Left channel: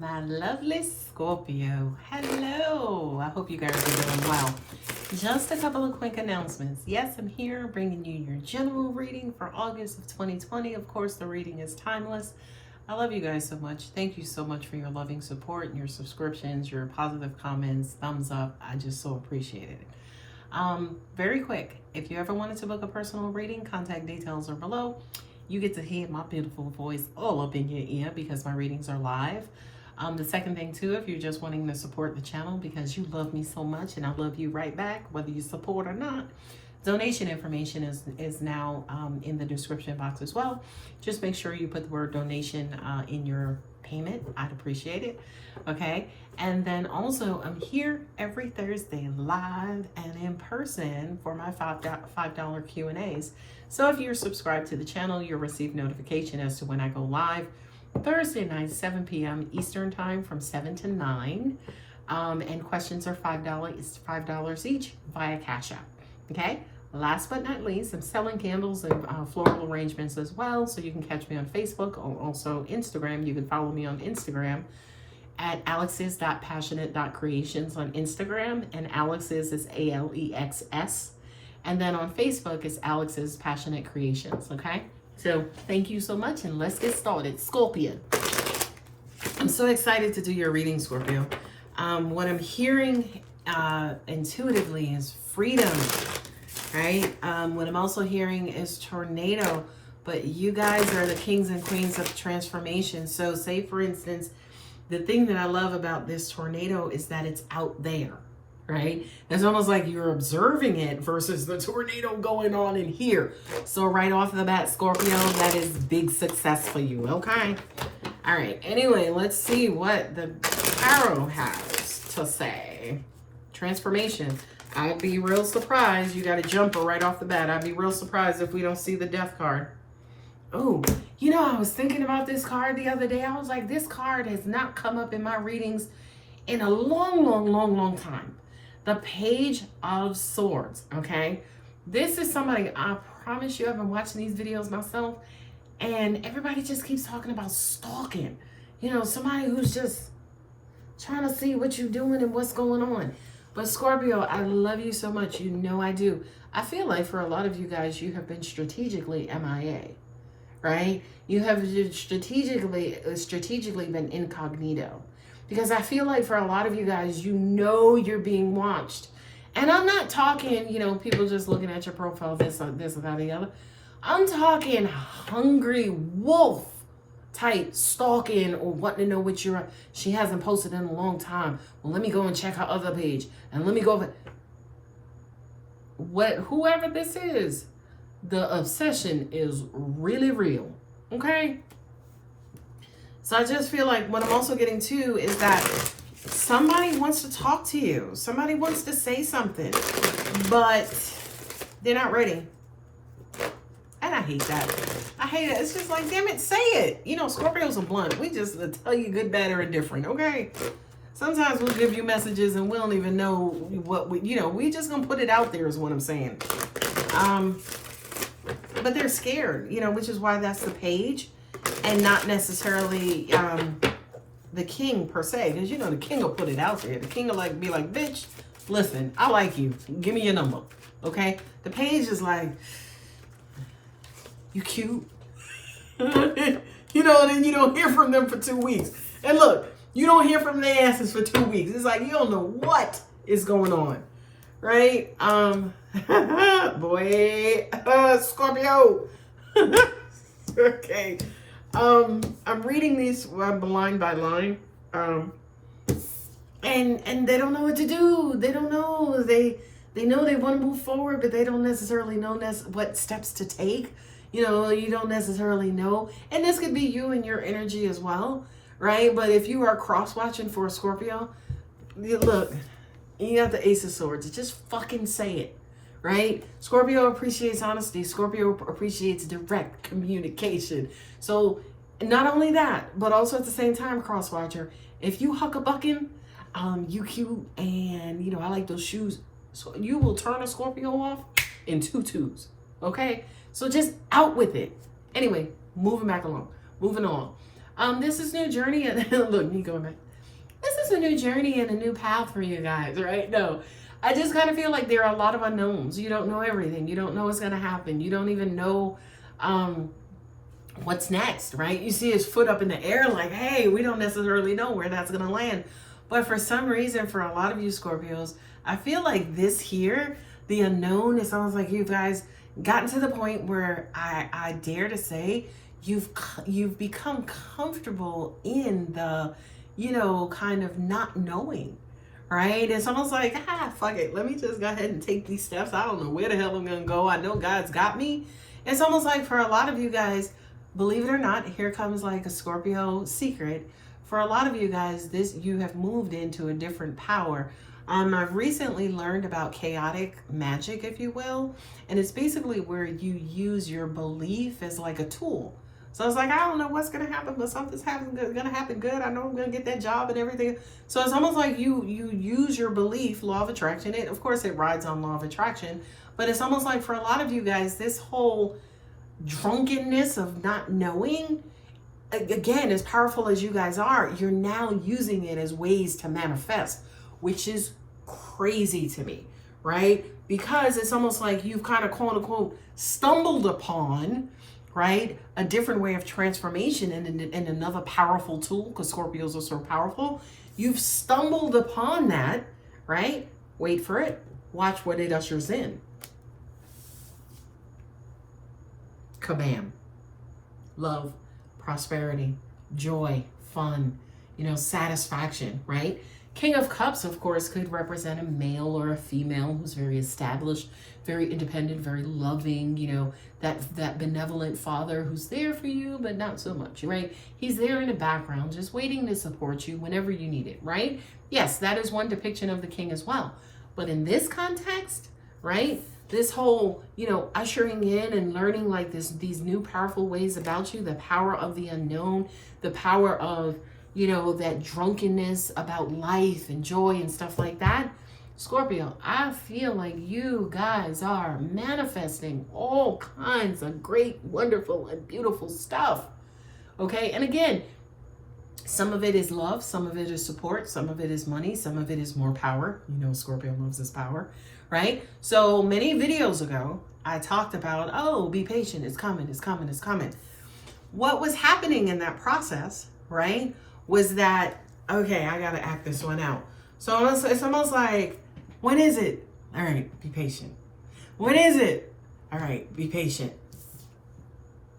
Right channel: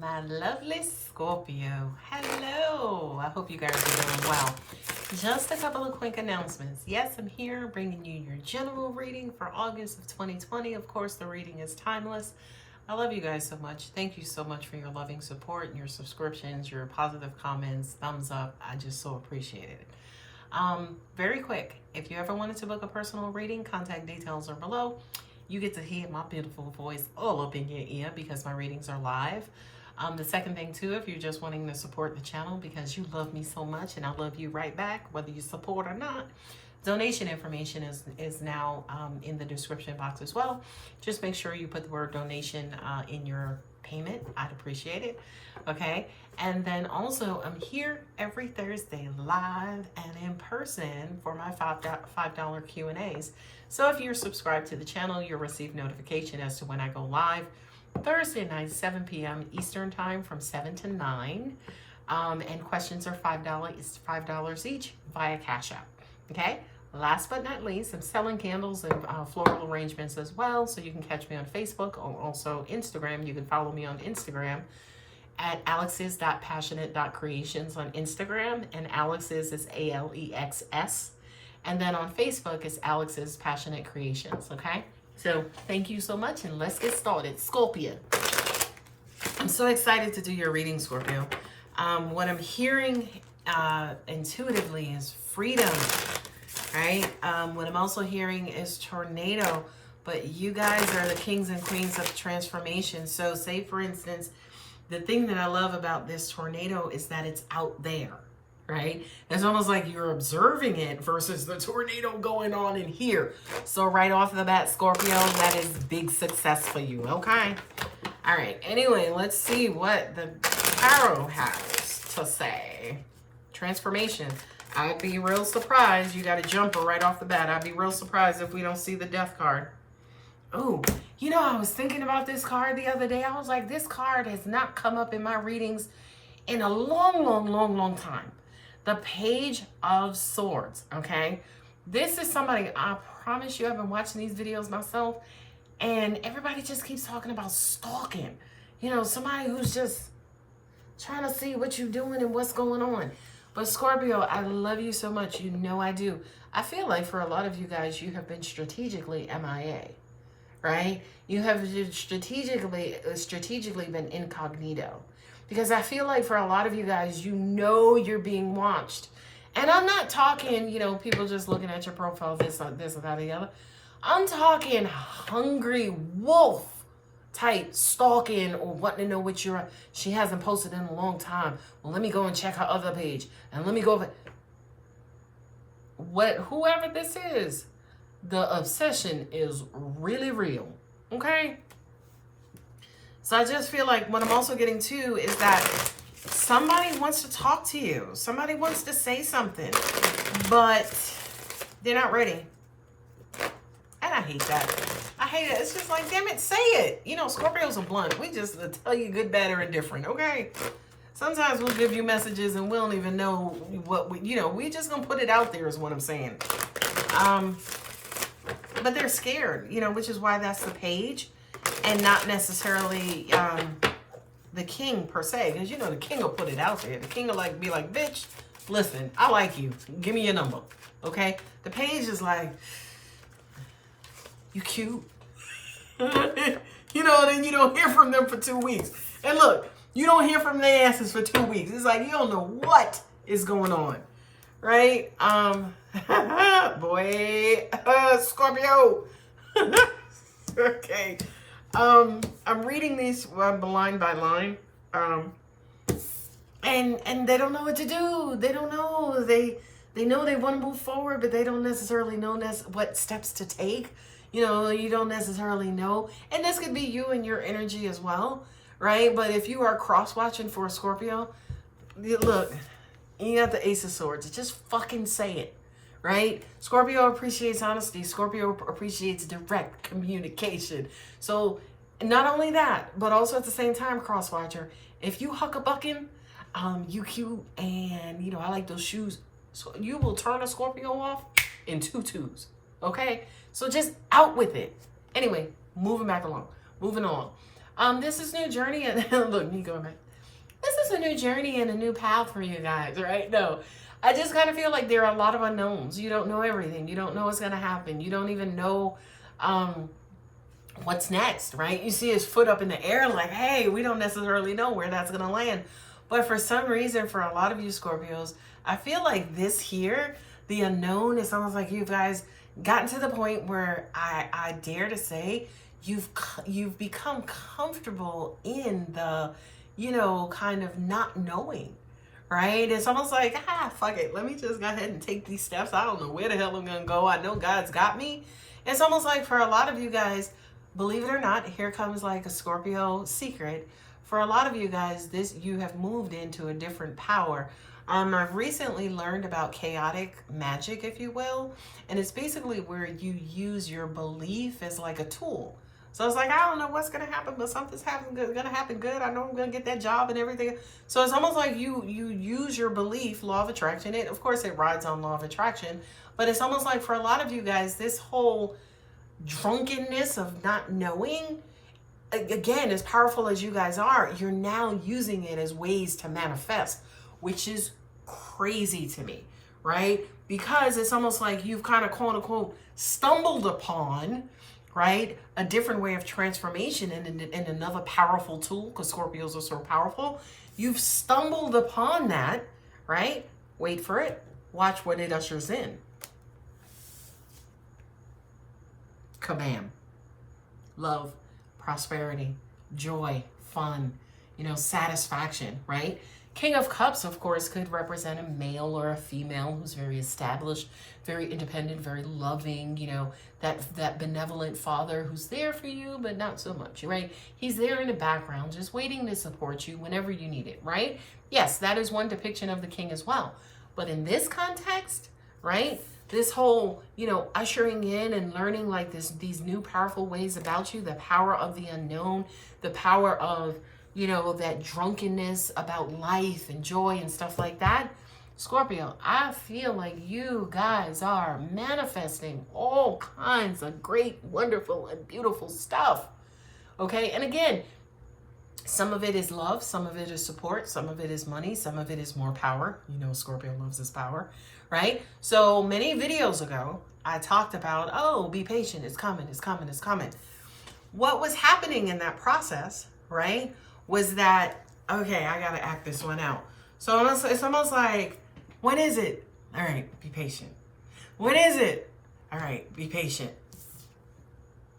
My lovely Scorpio. Hello. I hope you guys are doing well. Just a couple of quick announcements. Yes, I'm here bringing you your general reading for August of 2020. Of course, the reading is timeless. I love you guys so much. Thank you so much for your loving support and your subscriptions, your positive comments, thumbs up. I just so appreciate it. Very quick, if you ever wanted to book a personal reading, contact details are below. You get to hear my beautiful voice all up in your ear because my readings are live. The second thing too, if you're just wanting to support the channel because you love me so much and I love you right back, whether you support or not, donation information is now in the description box as well. Just make sure you put the word donation in your payment. I'd appreciate it. Okay. And then also I'm here every Thursday live and in person for my $5 Q&As. So if you're subscribed to the channel, you'll receive notification as to when I go live. Thursday night, 7 p.m. Eastern time from 7 to 9. And questions are $5. It's $5 each via Cash App. Okay? Last but not least, I'm selling candles and floral arrangements as well. So you can catch me on Facebook or also Instagram. You can follow me on Instagram at alex's.passionate.creations on Instagram. And Alex's is ALEXS. And then on Facebook, it's Alex's Passionate Creations. Okay? So thank you so much, and let's get started. Scorpio. I'm so excited to do your reading, Scorpio. What I'm hearing intuitively is freedom, right? What I'm also hearing is tornado, but you guys are the kings and queens of transformation. So say, for instance, the thing that I love about this tornado is that it's out there. Right? It's almost like you're observing it versus the tornado going on in here. So right off the bat, Scorpio, that is big success for you. Okay. All right. Anyway, let's see what the tarot has to say. Transformation. I'd be real surprised. You got a jumper right off the bat. I'd be real surprised if we don't see the death card. Oh, you know, I was thinking about this card the other day. I was like, this card has not come up in my readings in a long time. The Page of Swords, okay? This is somebody, I promise you, I've been watching these videos myself, and everybody just keeps talking about stalking. You know, somebody who's just trying to see what you're doing and what's going on. But Scorpio, I love you so much. You know I do. I feel like for a lot of you guys, you have been strategically MIA, right? You have strategically been incognito. Because I feel like for a lot of you guys, you know you're being watched. And I'm not talking, you know, people just looking at your profile, this or that or the other. I'm talking hungry wolf type stalking or wanting to know what she hasn't posted in a long time. Well, let me go and check her other page. And let me go. Whoever this is, the obsession is really real. Okay? So I just feel like what I'm also getting to is that somebody wants to talk to you. Somebody wants to say something, but they're not ready. And I hate that. I hate it. It's just like, damn it, say it. You know, Scorpios are blunt. We just tell you good, bad, or indifferent, okay? Sometimes we'll give you messages and we don't even know what we just gonna put it out there is what I'm saying. But they're scared, you know, which is why that's the page. And not necessarily the king per se, because you know the king will put it out there. The king will be like, bitch, listen, I like you. Give me your number, okay? The page is like, you cute, you know. And then you don't hear from them for 2 weeks. And look, you don't hear from their asses for 2 weeks. It's like you don't know what is going on, right? Boy, Scorpio. Okay. I'm reading these line by line, and they don't know what to do. They don't know. They know they want to move forward, but they don't necessarily know what steps to take. You know, you don't necessarily know. And this could be you and your energy as well, right? But if you are cross-watching for a Scorpio, look, you got the Ace of Swords. Just fucking say it. Right? Scorpio appreciates honesty. Scorpio appreciates direct communication. So not only that, but also at the same time, crosswatcher, if you huck-a-bucking, you cute and, you know, I like those shoes. So you will turn a Scorpio off in 2 twos. Okay? So just out with it. Anyway, moving back along. Moving on. This is new journey. And look, me going back. This is a new journey and a new path for you guys, right? No, I just kind of feel like there are a lot of unknowns. You don't know everything. You don't know what's going to happen. You don't even know what's next, right? You see his foot up in the air like, hey, we don't necessarily know where that's going to land. But for some reason, for a lot of you Scorpios, I feel like this here, the unknown, is almost like you guys gotten to the point where I dare to say you've become comfortable in the, you know, kind of not knowing, right? It's almost like, fuck it. Let me just go ahead and take these steps. I don't know where the hell I'm going to go. I know God's got me. It's almost like for a lot of you guys, believe it or not, here comes like a Scorpio secret. For a lot of you guys, you have moved into a different power. I've recently learned about chaotic magic, if you will. And it's basically where you use your belief as like a tool. So it's like, I don't know what's going to happen, but something's going to happen good. I know I'm going to get that job and everything. So it's almost like you use your belief, law of attraction. Of course, it rides on law of attraction. But it's almost like for a lot of you guys, this whole drunkenness of not knowing, again, as powerful as you guys are, you're now using it as ways to manifest, which is crazy to me, right? Because it's almost like you've kind of, quote unquote, stumbled upon, right, a different way of transformation and another powerful tool, because Scorpios are so powerful. You've stumbled upon that, right? Wait for it. Watch what it ushers in. Kabam. Love, prosperity, joy, fun, you know, satisfaction, right? King of Cups, of course, could represent a male or a female who's very established, very independent, very loving, you know, that benevolent father who's there for you, but not so much, right? He's there in the background, just waiting to support you whenever you need it, right? Yes, that is one depiction of the king as well. But in this context, right, this whole, you know, ushering in and learning like these new powerful ways about you, the power of the unknown, the power of, you know, that drunkenness about life and joy and stuff like that. Scorpio, I feel like you guys are manifesting all kinds of great, wonderful, and beautiful stuff. Okay. And again, some of it is love. Some of it is support. Some of it is money. Some of it is more power. You know, Scorpio loves his power, right? So many videos ago, I talked about, oh, be patient. It's coming. It's coming. It's coming. What was happening in that process, right, was that, okay, I got to act this one out. So it's almost like, when is it? All right, be patient. When is it? All right, be patient.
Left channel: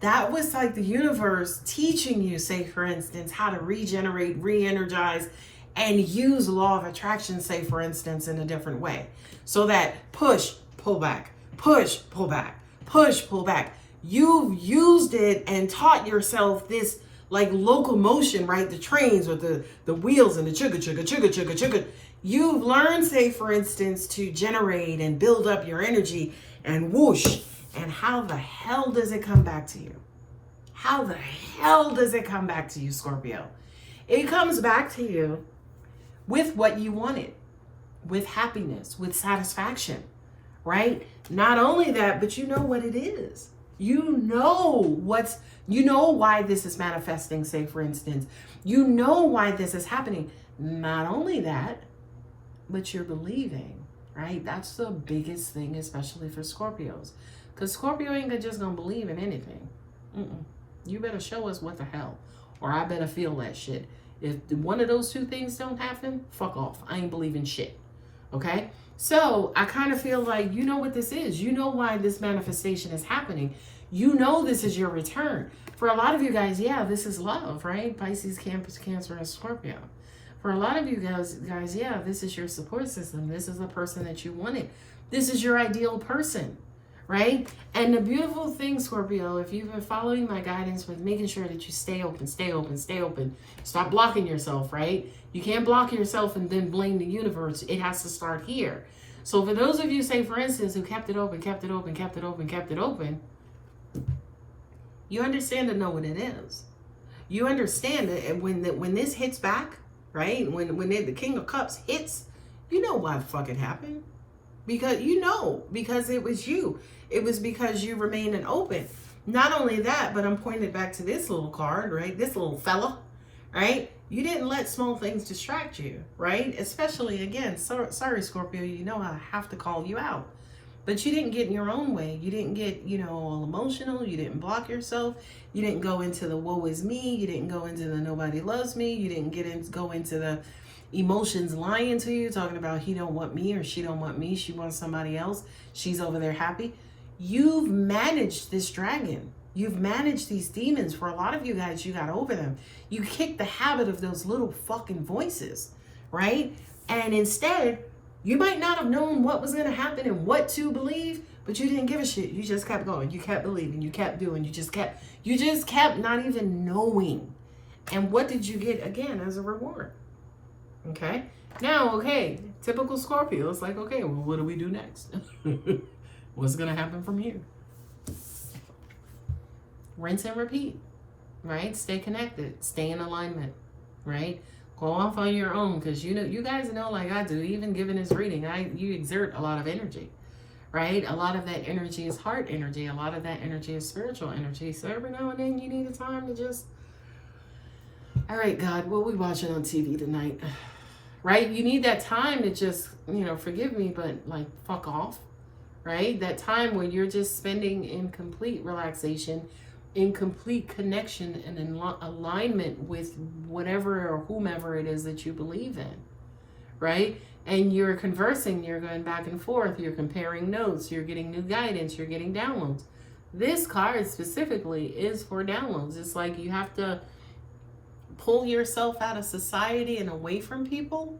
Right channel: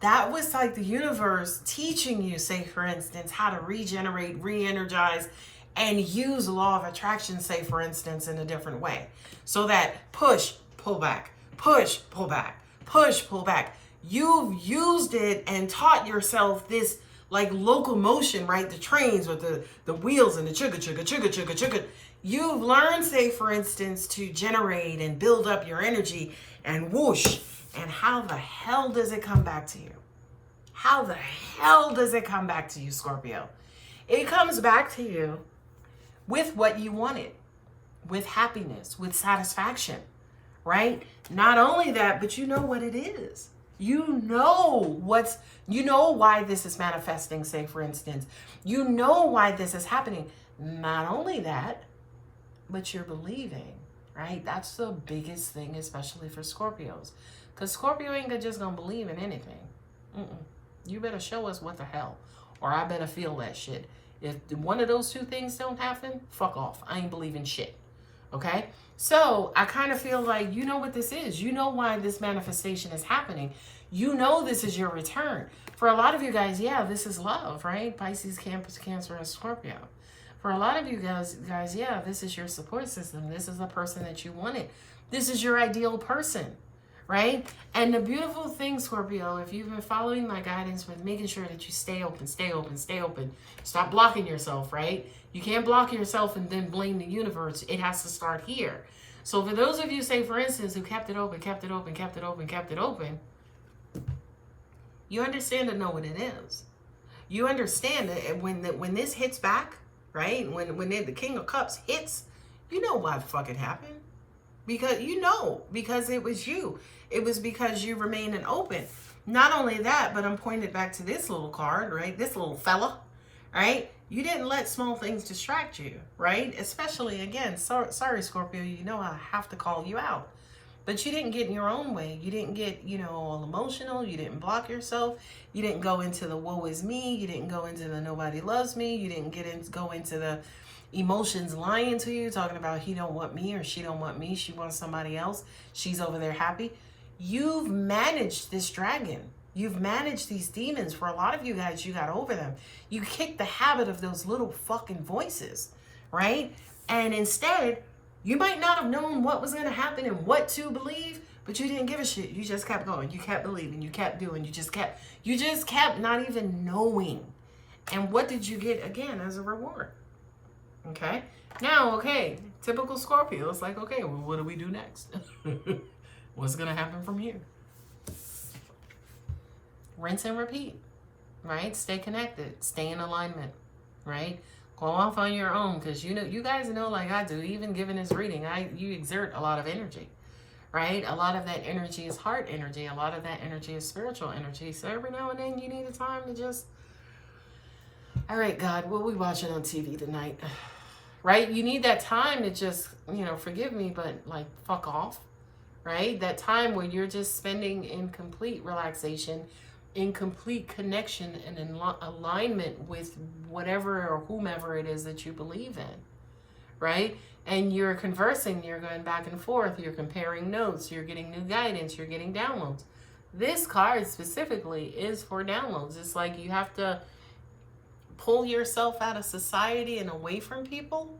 That was like the universe teaching you, say, for instance, how to regenerate, re-energize, and use law of attraction, say, for instance, in a different way. So that push, pull back, push, pull back, push, pull back. You've used it and taught yourself this like locomotion, right? The trains with the wheels and the chugga, chugga, chugga, chugga, chugga. You've learned, say, for instance, to generate and build up your energy and whoosh. And how the hell does it come back to you? How the hell does it come back to you, Scorpio? It comes back to you with what you wanted, with happiness, with satisfaction, right? Not only that, but you know what it is. You know why this is manifesting, say, for instance. You know why this is happening. Not only that, but you're believing, right? That's the biggest thing, especially for Scorpios. Because Scorpio ain't just gonna believe in anything. You better show us what the hell, or I better feel that shit. If one of those two things don't happen, fuck off. I ain't believing shit, okay? So I kind of feel like you know what this is. You know why this manifestation is happening. You know this is your return. For a lot of you guys, yeah, this is love, right? Pisces, Cancer, and Scorpio. For a lot of you guys, yeah, this is your support system. This is the person that you wanted. This is your ideal person, right? And the beautiful thing, Scorpio, if you've been following my guidance with making sure that you stay open, stay open, stay open. Stop blocking yourself, right? You can't block yourself and then blame the universe. It has to start here. So for those of you, say, for instance, who kept it open, kept it open, kept it open, kept it open, you understand and know what it is. You understand that when this hits back, right? When the King of Cups hits, you know why the fuck it happened. Because you know, because it was you. It was because you remained open. Not only that, but I'm pointing back to this little card, right? This little fella, right? You didn't let small things distract you, right? Especially, again, sorry, Scorpio, you know I have to call you out. But you didn't get in your own way. You didn't get, all emotional. You didn't block yourself. You didn't go into the woe is me. You didn't go into the nobody loves me. You didn't go into the emotions lying to you, talking about he don't want me or she don't want me. She wants somebody else. She's over there happy. You've managed this dragon. You've managed these demons. For a lot of you guys, you got over them. You kicked the habit of those little fucking voices, right? And instead, you might not have known what was going to happen and what to believe, but you didn't give a shit. You just kept going. You kept believing. You kept doing. You just kept not even knowing. And what did you get again as a reward? Okay. Now, okay, typical Scorpio. It's like, okay, well, what do we do next? What's going to happen from here? Rinse and repeat, right? Stay connected. Stay in alignment, right? Go off on your own, because you guys know, like I do, even giving this reading, you exert a lot of energy, right? A lot of that energy is heart energy. A lot of that energy is spiritual energy. So every now and then you need the time to just, all right, God, what are we watching on TV tonight? Right? You need that time to just, forgive me, but like fuck off, right? That time where you're just spending in complete relaxation, in complete connection and in alignment with whatever or whomever it is that you believe in, right? And you're conversing, you're going back and forth, you're comparing notes, you're getting new guidance, you're getting downloads. This card specifically is for downloads. It's like you have to pull yourself out of society and away from people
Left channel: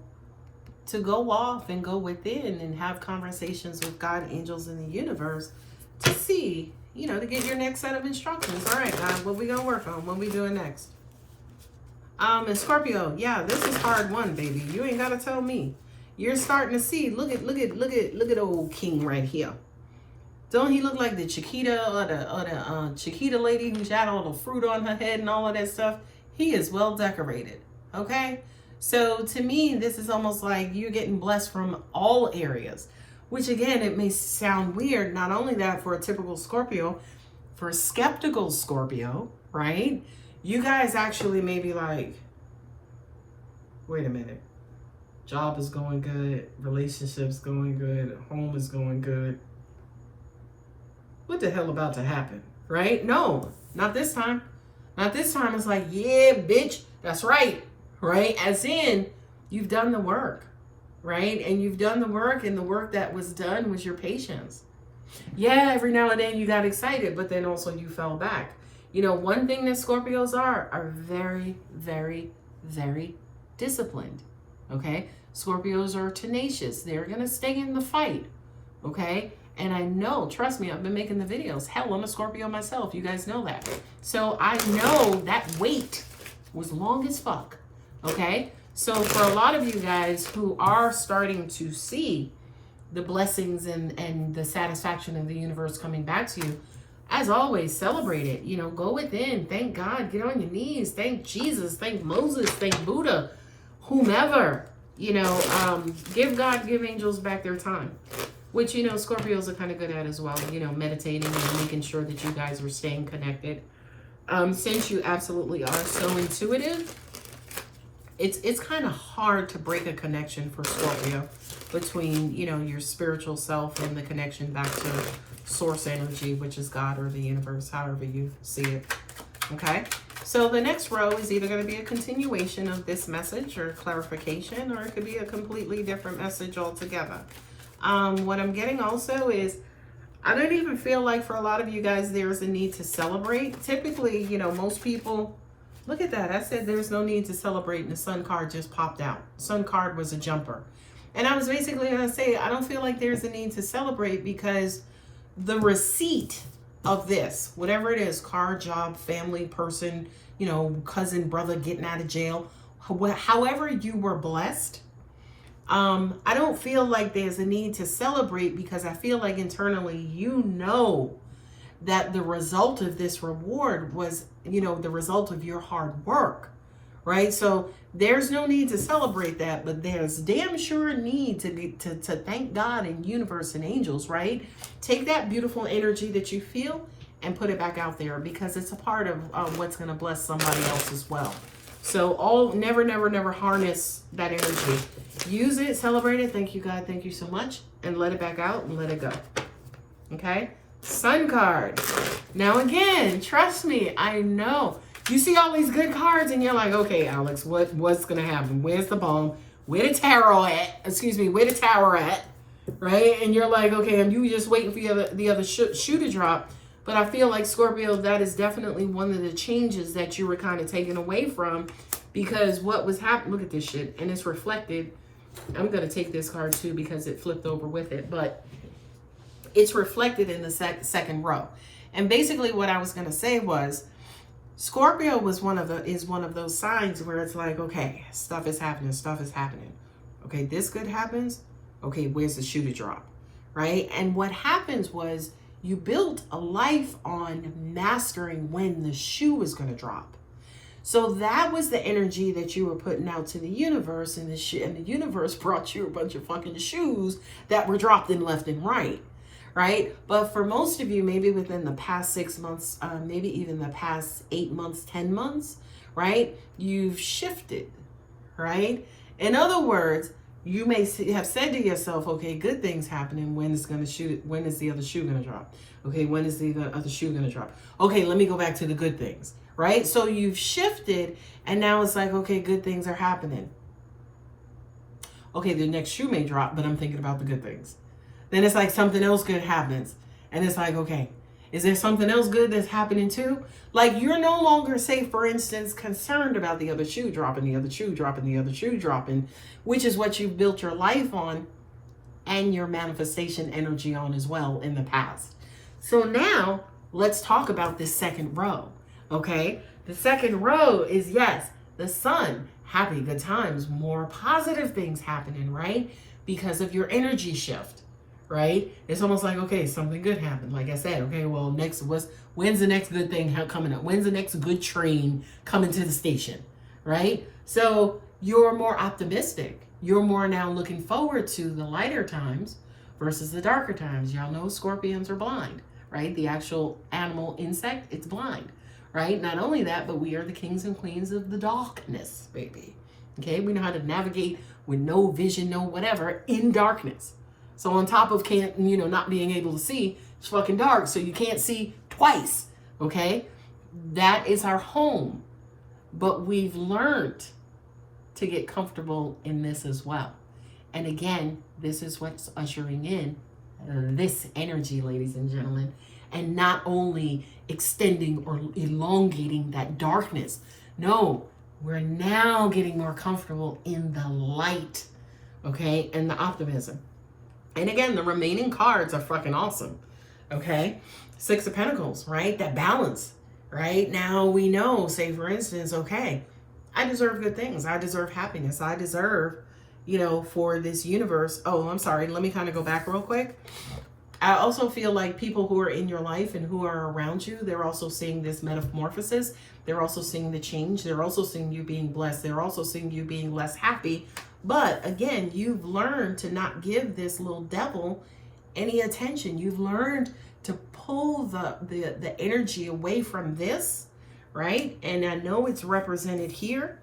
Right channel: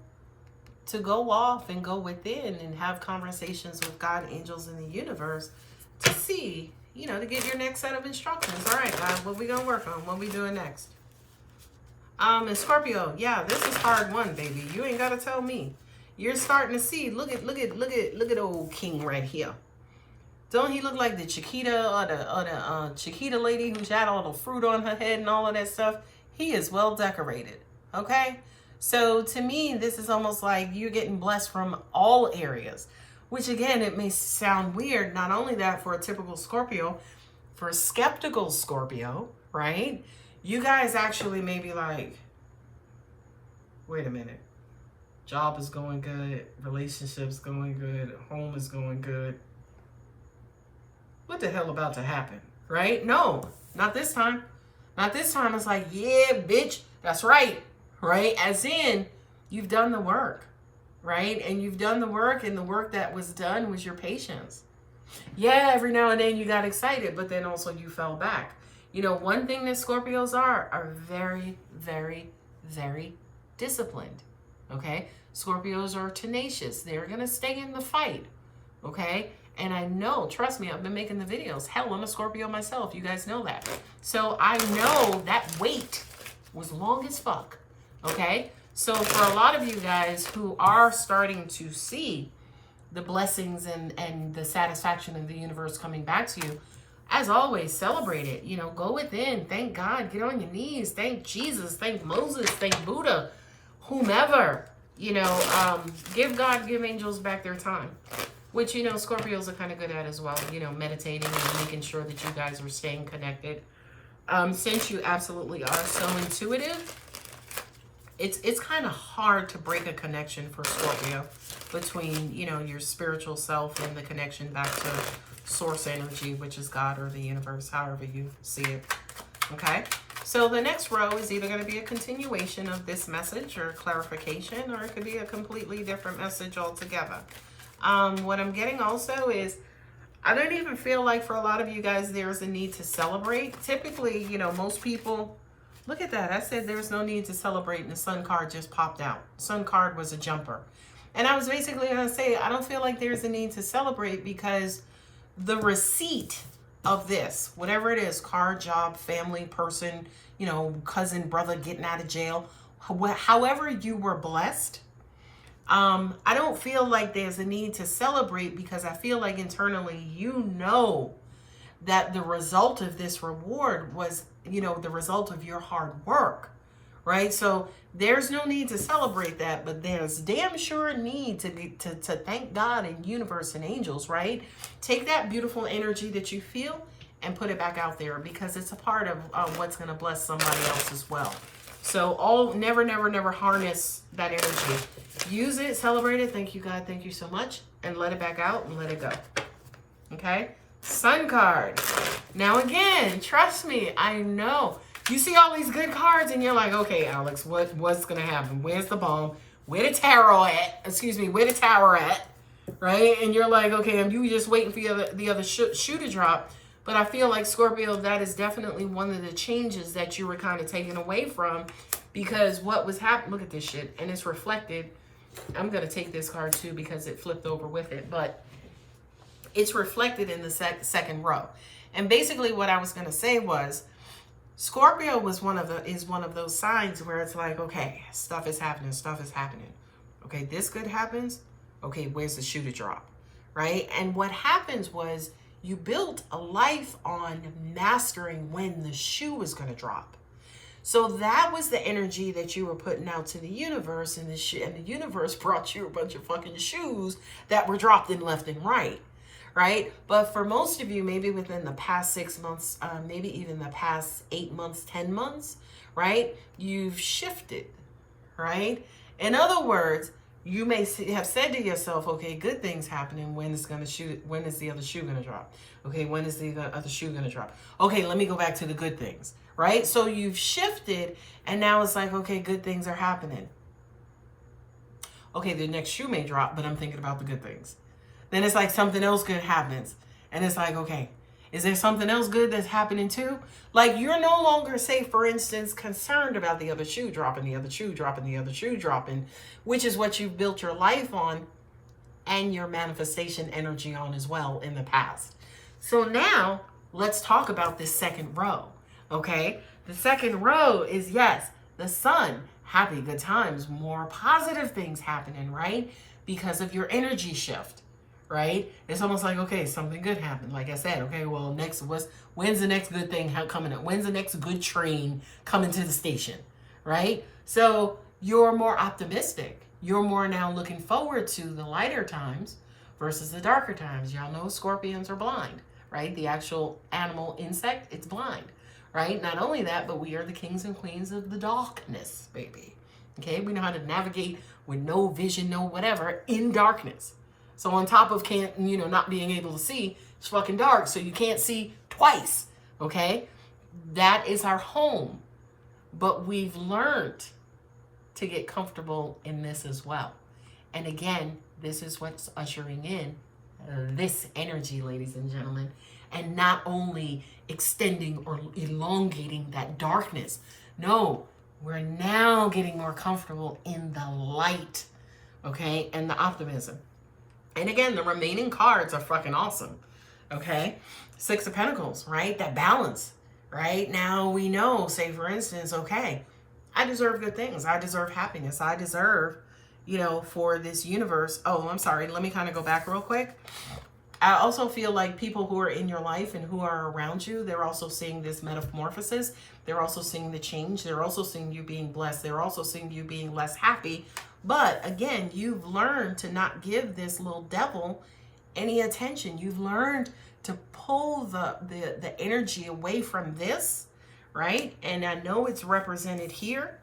to go off and go within and have conversations with God, angels, and the universe to see, to get your next set of instructions. All right, God, what we gonna work on? What we doing next? And Scorpio, yeah, this is hard one, baby. You ain't gotta tell me. You're starting to see. Look at old King right here. Don't he look like the Chiquita or the Chiquita lady who's had all the fruit on her head and all of that stuff? He is well decorated. Okay, so to me, this is almost like you're getting blessed from all areas. Which again, it may sound weird. Not only that, for a typical Scorpio, for a skeptical Scorpio, right? You guys actually may be like, wait a minute. Job is going good. Relationship's going good. Home is going good. What the hell about to happen, right? No, not this time. Not this time. It's like, yeah, bitch, that's right, right? As in, you've done the work. Right? And you've done the work, and the work that was done was your patience. Yeah, every now and then you got excited, but then also you fell back. One thing that Scorpios are very, very, very disciplined. Okay? Scorpios are tenacious. They're going to stay in the fight. Okay? And I know, trust me, I've been making the videos. Hell, I'm a Scorpio myself. You guys know that. So I know that wait was long as fuck. Okay? So for a lot of you guys who are starting to see the blessings and the satisfaction of the universe coming back to you, as always, celebrate it. Go within. Thank God. Get on your knees. Thank Jesus. Thank Moses. Thank Buddha. Whomever. Give God, give angels back their time. Which, Scorpios are kind of good at as well. Meditating and making sure that you guys are staying connected. Since you absolutely are so intuitive, it's kind of hard to break a connection for Scorpio between, your spiritual self and the connection back to source energy, which is God or the universe, however you see it. Okay? So the next row is either going to be a continuation of this message or clarification, or it could be a completely different message altogether. What I'm getting also is, I don't even feel like for a lot of you guys, there's a need to celebrate. Typically, most people, look at that. I said there's no need to celebrate, and the sun card just popped out. Sun card was a jumper. And I was basically going to say, I don't feel like there's a need to celebrate, because the receipt of this, whatever it is, car, job, family, person, cousin, brother getting out of jail, however you were blessed, I don't feel like there's a need to celebrate, because I feel like internally, that the result of this reward was, the result of your hard work, right? So there's no need to celebrate that, but there's damn sure need to thank God and universe and angels, right? Take that beautiful energy that you feel and put it back out there, because it's a part of what's going to bless somebody else as well. So never, never, never harness that energy. Use it, celebrate it. Thank you, God. Thank you so much. And let it back out and let it go. Okay? Sun card. Now again, trust me, I know. You see all these good cards and you're like, okay, Alex, what's going to happen? Where's the bomb? Where the tarot at? Excuse me, where the tower at? Right? And you're like, okay, you just waiting for the other shoe to drop. But I feel like, Scorpio, that is definitely one of the changes that you were kind of taken away from, because what was happening, look at this shit, and it's reflected. I'm going to take this card too because it flipped over with it, but it's reflected in the second row. And basically what I was going to say was, Scorpio is one of those signs where it's like, okay, stuff is happening. Okay, this good happens. Okay, where's the shoe to drop? Right? And what happens was, you built a life on mastering when the shoe was going to drop. So that was the energy that you were putting out to the universe, and the universe brought you a bunch of fucking shoes that were dropped in left and right. Right? But for most of you, maybe within the past 6 months, maybe even the past 8 months, 10 months, right? You've shifted, right? In other words, you may have said to yourself, okay, good things happening. When is the other shoe going to drop? Okay, when is the other shoe going to drop? Okay, let me go back to the good things, right? So you've shifted, and now it's like, okay, good things are happening. Okay, the next shoe may drop, but I'm thinking about the good things. Then it's like something else good happens. And it's like, okay, is there something else good that's happening too? Like, you're no longer, say, for instance, concerned about the other shoe dropping, the other shoe dropping, the other shoe dropping, which is what you've built your life on and your manifestation energy on as well in the past. So now let's talk about this second row, okay? The second row is, yes, the sun, happy, good times, more positive things happening, right? Because of your energy shift. Right? It's almost like, okay, something good happened. Like I said, okay, well, when's the next good thing coming up? When's the next good train coming to the station? Right? So you're more optimistic. You're more now looking forward to the lighter times versus the darker times. Y'all know scorpions are blind, right? The actual animal insect, it's blind, right? Not only that, but we are the kings and queens of the darkness, baby. Okay? We know how to navigate with no vision, no whatever, in darkness. So on top of not being able to see, it's fucking dark, so you can't see twice, okay? That is our home. But we've learned to get comfortable in this as well. And again, this is what's ushering in this energy, ladies and gentlemen, and not only extending or elongating that darkness. No, we're now getting more comfortable in the light, okay, and the optimism. And again, the remaining cards are fucking awesome, okay? Six of Pentacles, right? That balance, right? Now we know, say for instance, okay, I deserve good things. I deserve happiness. I deserve, for this universe. Oh, I'm sorry. Let me kind of go back real quick. I also feel like people who are in your life and who are around you, they're also seeing this metamorphosis. They're also seeing the change. They're also seeing you being blessed. They're also seeing you being less happy. But again, you've learned to not give this little devil any attention. You've learned to pull the energy away from this, right? And I know it's represented here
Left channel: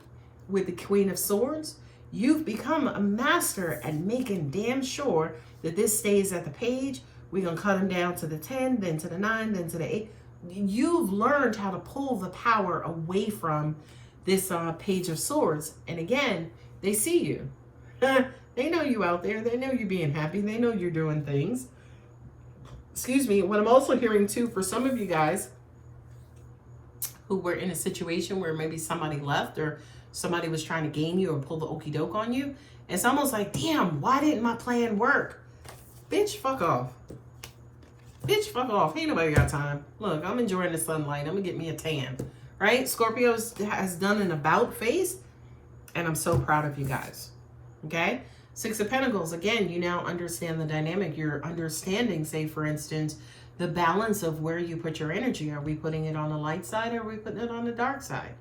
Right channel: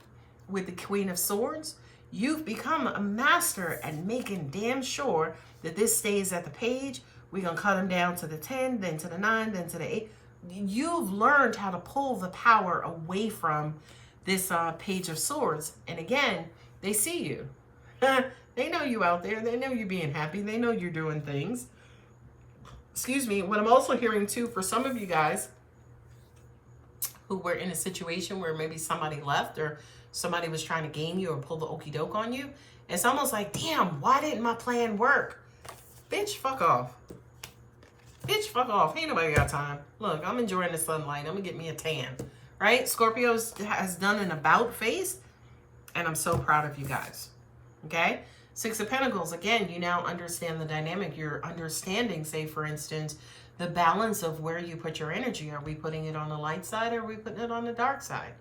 with the Queen of Swords. You've become a master at making damn sure that this stays at the page. We're going to cut them down to the 10, then to the 9, then to the 8. You've learned how to pull the power away from this Page of Swords. And again, they see you. They know you out there. They know you being happy. They know you're doing things. Excuse me. What I'm also hearing too, for some of you guys who were in a situation where maybe somebody left or somebody was trying to game you or pull the okie doke on you, it's almost like, damn, why didn't my plan work? Bitch, fuck off. Bitch, fuck off. Ain't nobody got time. Look, I'm enjoying the sunlight. I'm going to get me a tan. Right? Scorpio has done an about face. And I'm so proud of you guys. Okay? Six of Pentacles. Again, you now understand the dynamic. You're understanding, say, for instance, the balance of where you put your energy. Are we putting it on the light side or are we putting it on the dark side?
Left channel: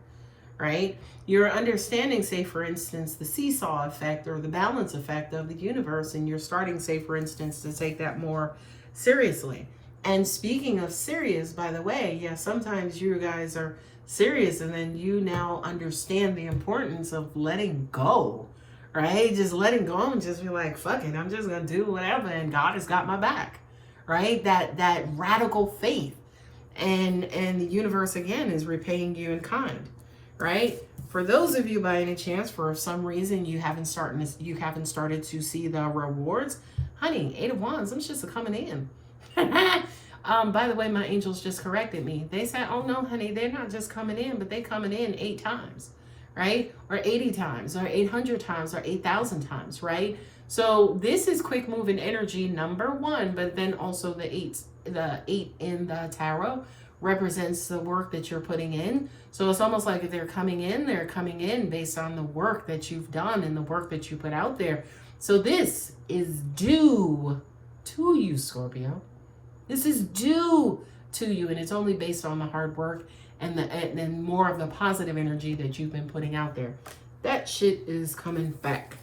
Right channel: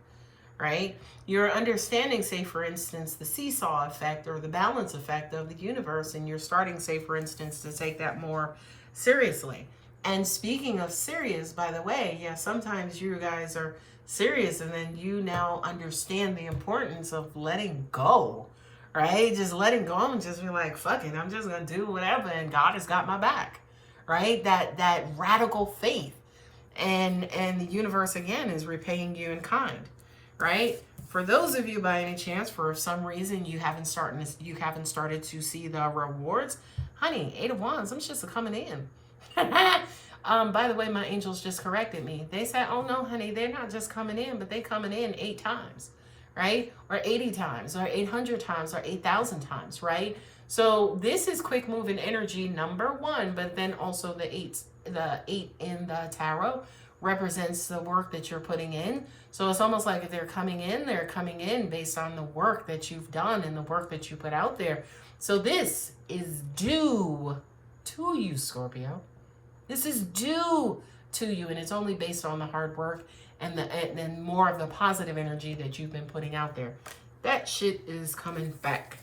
Right? You're understanding, say, for instance, the seesaw effect or the balance effect of the universe. And you're starting, say, for instance, to take that more seriously. And speaking of serious, by the way, yeah, sometimes you guys are serious and then you now understand the importance of letting go, right? Just letting go and just be like, fuck it, I'm just gonna do whatever and God has got my back, right? That radical faith. And the universe again is repaying you in kind, right? For those of you by any chance, for some reason you haven't started to see the rewards, honey, 8 of Wands, I'm just coming in. By the way, my angels just corrected me. They said, oh no, honey, they're not just coming in, but they coming in 8 times, right? Or 80 times, or 800 times, or 8,000 times, right? So this is quick moving energy, number 1, but then also the 8 in the tarot represents the work that you're putting in. So it's almost like if they're coming in based on the work that you've done and the work that you put out there. So this is due to you, Scorpio. This is due to you, and it's only based on the hard work and more of the positive energy that you've been putting out there. That shit is coming back.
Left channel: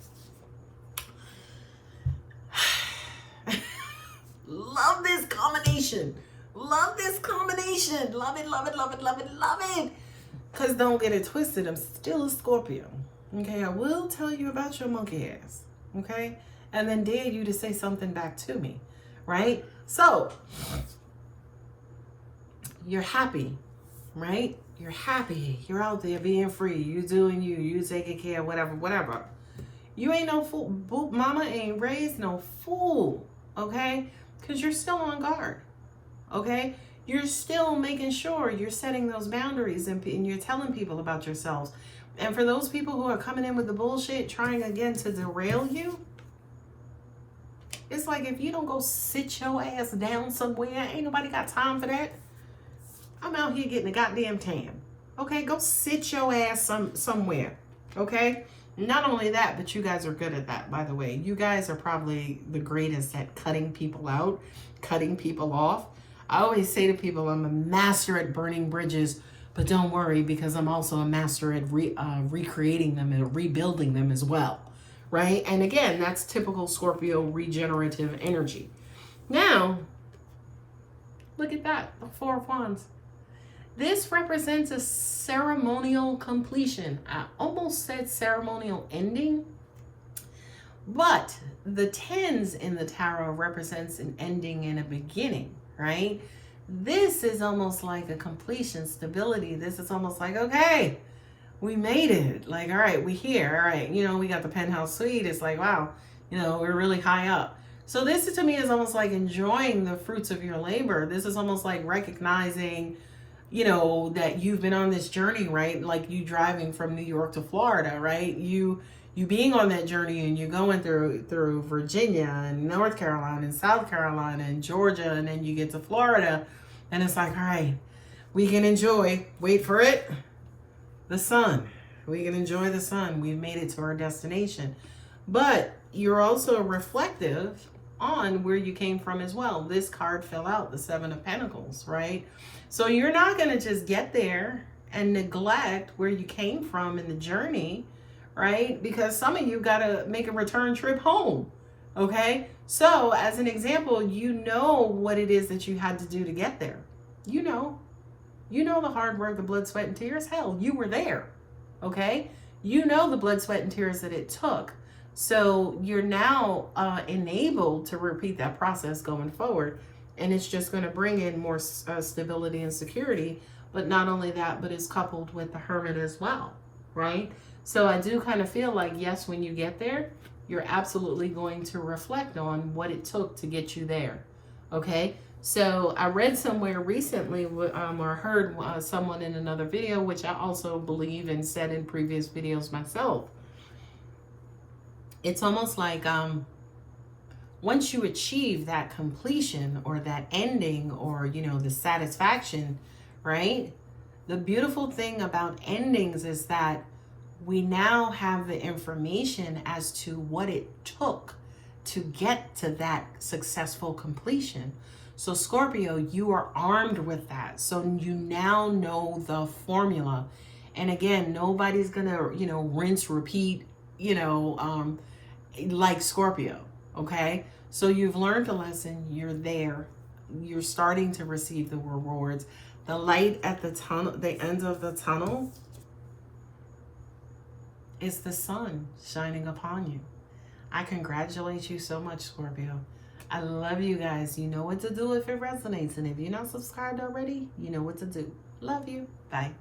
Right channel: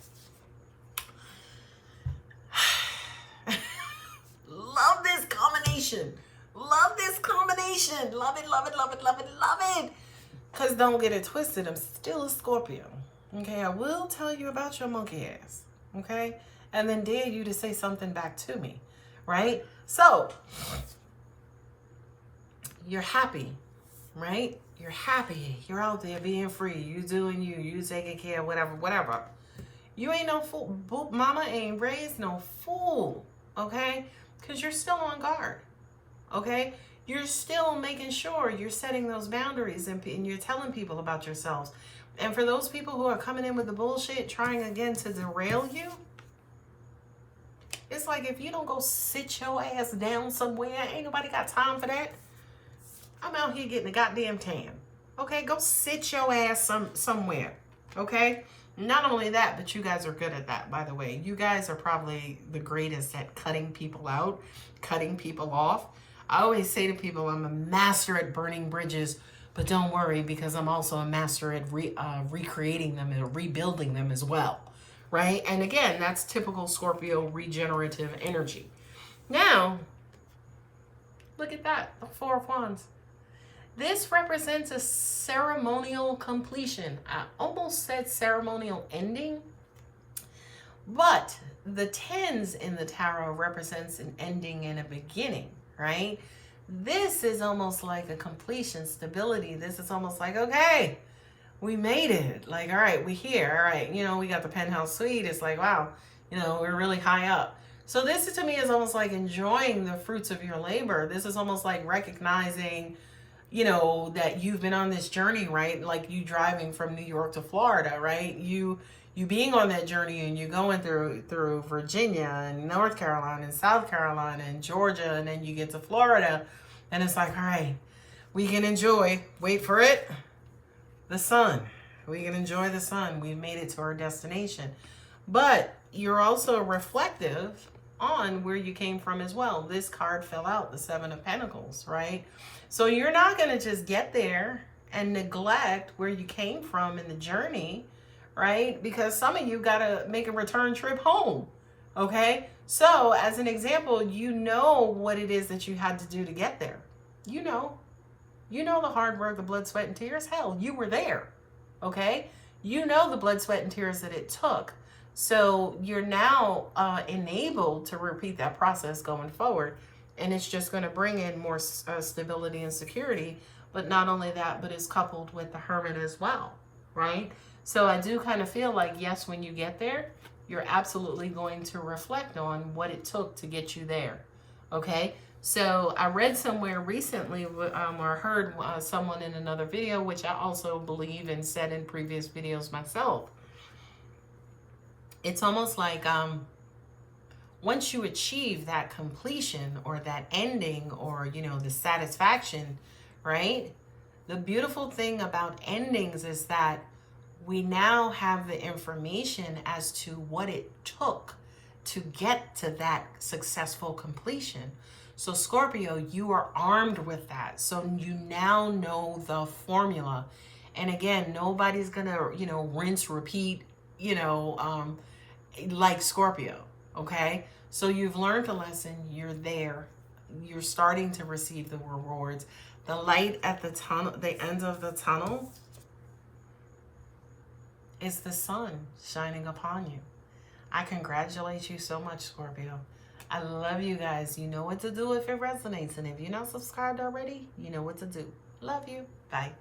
Love this combination. Love this combination. Love it, love it, love it, love it, love it. Because don't get it twisted. I'm still a Scorpio. Okay, I will tell you about your monkey ass. Okay? And then dare you to say something back to me. Right? So, you're happy. Right? You're happy. You're out there being free. You doing you. You taking care of whatever, whatever. You ain't no fool. Mama ain't raised no fool. Okay? Because you're still on guard. Okay? You're still making sure you're setting those boundaries and you're telling people about yourselves. And for those people who are coming in with the bullshit, trying again to derail you, it's like if you don't go sit your ass down somewhere, ain't nobody got time for that. I'm out here getting a goddamn tan. Okay? Go sit your ass somewhere. Okay? Not only that, but you guys are good at that, by the way. You guys are probably the greatest at cutting people out, cutting people off. I always say to people, I'm a master at burning bridges, but don't worry, because I'm also a master at recreating them and rebuilding them as well, right? And again, that's typical Scorpio regenerative energy. Now, look at that, the 4 of Wands. This represents a ceremonial completion. I almost said ceremonial ending, but the 10s in the tarot represents an ending and a beginning, right? This is almost like a completion, stability. This is almost like, okay, we made it. Like, all right, we're here. All right, you know, we got the penthouse suite. It's like, wow, you know, we're really high up. So this to me is almost like enjoying the fruits of your labor. This is almost like recognizing, you know, that you've been on this journey, right? Like you driving from New York to Florida, right? You being on that journey and you're going through Virginia and North Carolina and South Carolina and Georgia, and then you get to Florida and it's like, all right, we can enjoy, wait for it, the sun. We can enjoy the sun. We've made it to our destination. But you're also reflective on where you came from as well. This card fell out, the 7 of Pentacles, right? So you're not going to just get there and neglect where you came from in the journey, right? Because some of you got to make a return trip home, okay? So as an example, you know what it is that you had to do to get there. You know the hard work, the blood, sweat, and tears. Hell, you were there, okay? You know the blood, sweat, and tears that it took. So you're now enabled to repeat that process going forward. And it's just going to bring in more stability and security. But not only that, but it's coupled with the Hermit as well, right? So I do kind of feel like, yes, when you get there, you're absolutely going to reflect on what it took to get you there, okay? So I read somewhere recently or heard someone in another video, which I also believe and said in previous videos myself. It's almost like once you achieve that completion or that ending or, you know, the satisfaction, right? The beautiful thing about endings is that we now have the information as to what it took to get to that successful completion. So Scorpio, you are armed with that. So you now know the formula. And again, nobody's gonna, you know, rinse, repeat, you know, like Scorpio, okay? So you've learned a lesson, you're there, you're starting to receive the rewards. The light at the tunnel, the end of the tunnel, is the sun shining upon you. I congratulate you so much, Scorpio. I love you guys. You know what to do if it resonates. And if you're not subscribed already, you know what to do. Love you. Bye.